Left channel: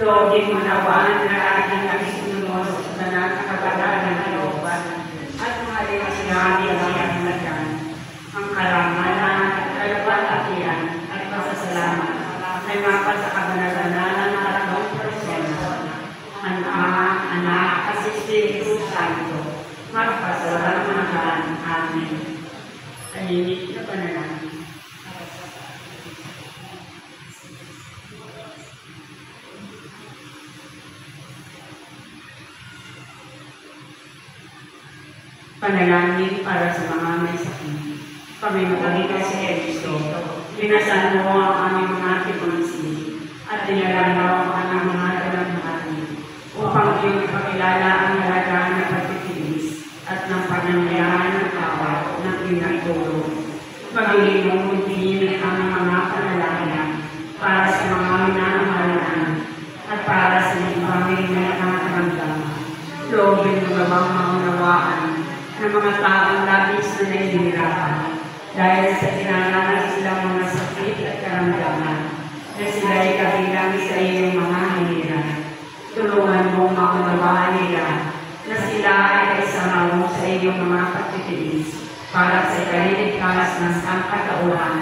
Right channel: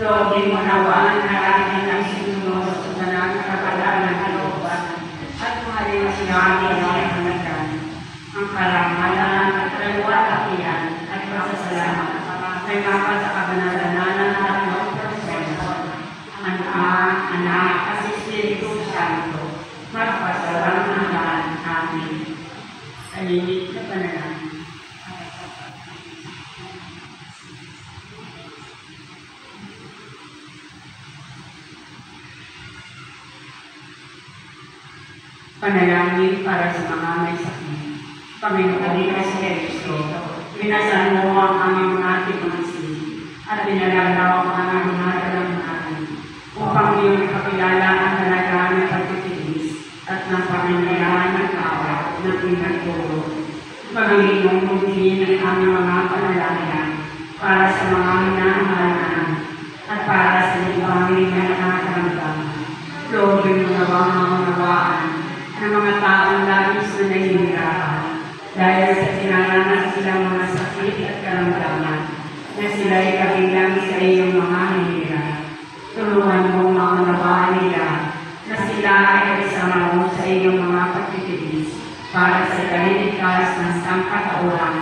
Loobin mo nawa na aking ang sinunod sa banal na kapalaran ng kalooban at mahalin siya sa hanagan ang karangalan at kalawalatian at pasasalamat ay mapal sa kabanal-banalan ng tatlong persona ng Ama, Anak, at Espiritu Santo magpasawalang hanggan. Amen. Tahimik na panalangin. Panalangin para sa mga may sakit. Panginoon Kristo, binasan mo ang aming mga tipangsili at dinalanglaw ang aming mga dalamhati upang iyong ipakilala ang halaga ng pagtitiis at ng pangangailangan ng tao ng pinagtulong. Panginoon, hindi ng aming mga panalangin para sa mga minamahalahan at para sa ibang nangangailangan. Loobin mo gawang maunawaan ng mga taong labis na nahihirapan dahil sa kinaranas silang mga sakit at karamdaman na sila ay kabilang sa iyong mga hinira. Tulungan mong maunawaan nila na sila ay kaisama mo sa iyong mga pagtitiis para sa kaliligtas ng sangkatauhan